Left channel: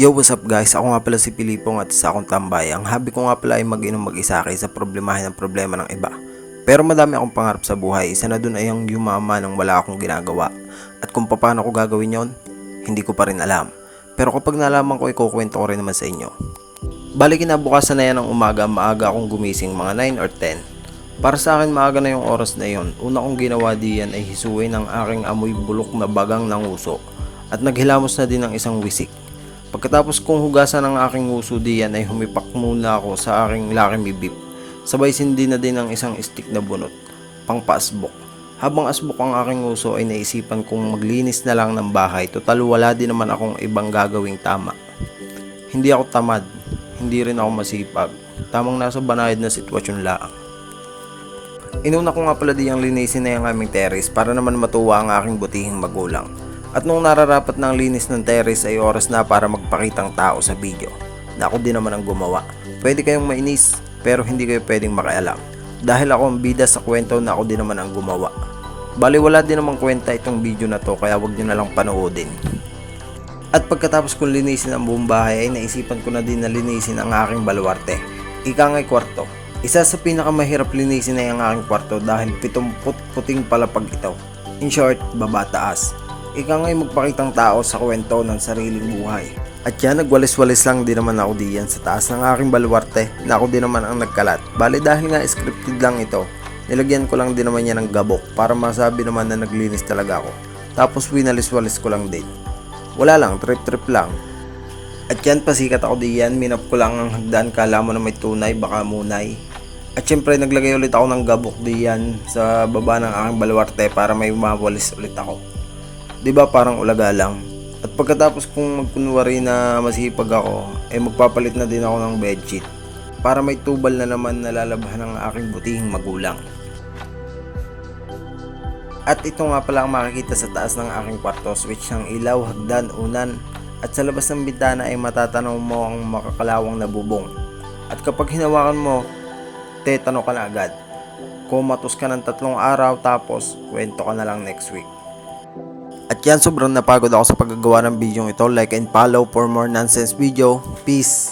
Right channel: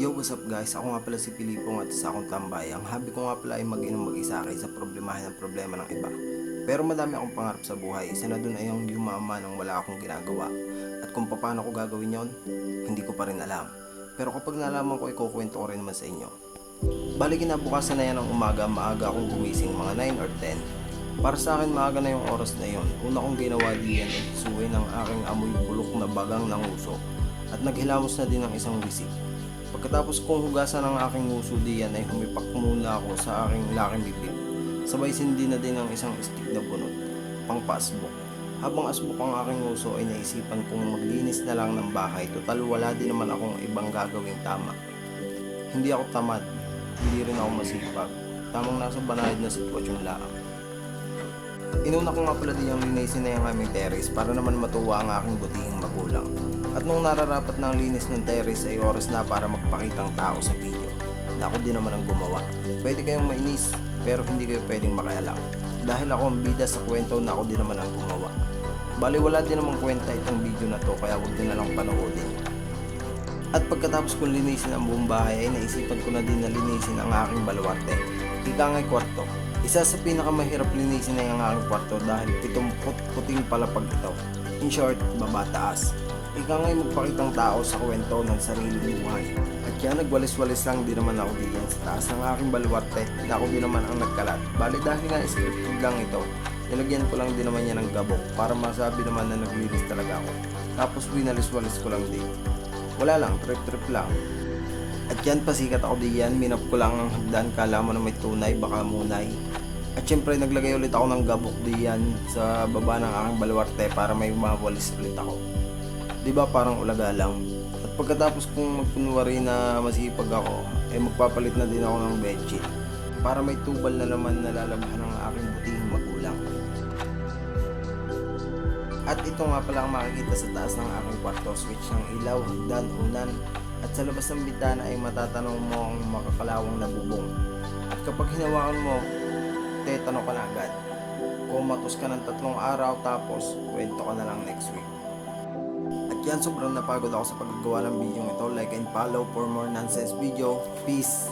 Yo, what's up guys? Ako nga pala si Pilipong at isa akong tambay. Ang hobby ko nga pala ay mag-inom mag-isa kaysa problemahin ang problema ng iba. Pero madami akong pangarap sa buhay. Isa na dun ay ang yumaman nang wala akong ginagawa. At kung paano ko gagawin yon, hindi ko pa rin alam. Pero kapag nalaman ko, ikukwento ko rin naman sa inyo. Bali kinabukasan na yan ng umaga, maaga akong gumising mga 9 or 10. Para sa akin maaga na yung oras na yon. Una kong ginawa diyan ay hisuin ang aking amoy bulok na bagang nanguso. At naghilamos na din ng isang wisik. Pagkatapos kong hugasan ang aking uso diyan ay humipak muna ako sa aking Lucky Me Beef. Sabay sindi na din ang isang stick na bunot, pang paasbok. Habang asbok ang aking uso ay naisipan kong maglinis na lang ng bahay, total wala din naman akong ibang gagawing tama. Hindi ako tamad, hindi rin ako masipag, tamang nasa banayad na sitwasyon lang. Inuna ko nga pala diyang linisin na yung aming terrace para naman matuwa ang aking butihing magulang. At nung nararapat ng linis ng terrace ay oras na para magpakitang tao sa video na ako din naman ang gumawa. Pwede kayong mainis pero hindi kayo pwedeng makialam dahil ako ang bida sa kwento na ako din naman ang gumawa. Bali wala din namang kwenta itong video na to kaya wag nyo na lang panoodin. At pagkatapos kong linisin ang buong bahay ay naisipan ko na din na linisin ang aking baluarte. Ika nga'y kwarto. Isa sa pinakamahirap linisin na yung aking kwarto dahil 70 puting palapag ito. In short, baba taas. Ika nga'y magpakitang tao sa kwento ng sariling buhay. At yan, nagwalis-walis lang din naman ako diyan sa taas ng aking baluarte na ako din naman ang nagkalat. Bali dahil nga scripted lang ito, nilagyan ko lang din naman yan ng gabok para masabi naman na naglinis talaga ako. Tapos winalis-walis ko lang din. Wala lang, trip-trip lang. At yan, pasikat ako diyan, minap ko lang ang hagdan, kala mo na may tunay, baka munay. At syempre naglagay ulit ako ng gabok diyan sa baba ng aking baluarte para may mawalis ulit ako. Diba parang ulaga lang. At pagkatapos kong magkunwari na masipag ako, ay magpapalit na din ako ng bedsheet para may tubal na naman na lalabahan ng aking butihing magulang. At ito nga pala ang makikita sa taas ng aking kwarto, switch ng ilaw, hagdan, unan, at sa labas ng bintana ay matatanaw mo ang makakalawang na bubong. At kapag hinawakan mo, tetano ka na agad. Kumatos ka ng 3 araw tapos kwento ka na lang next week. At yan, sobrang napagod ako sa paggagawa ng video ito. Like and follow for more nonsense video. Peace!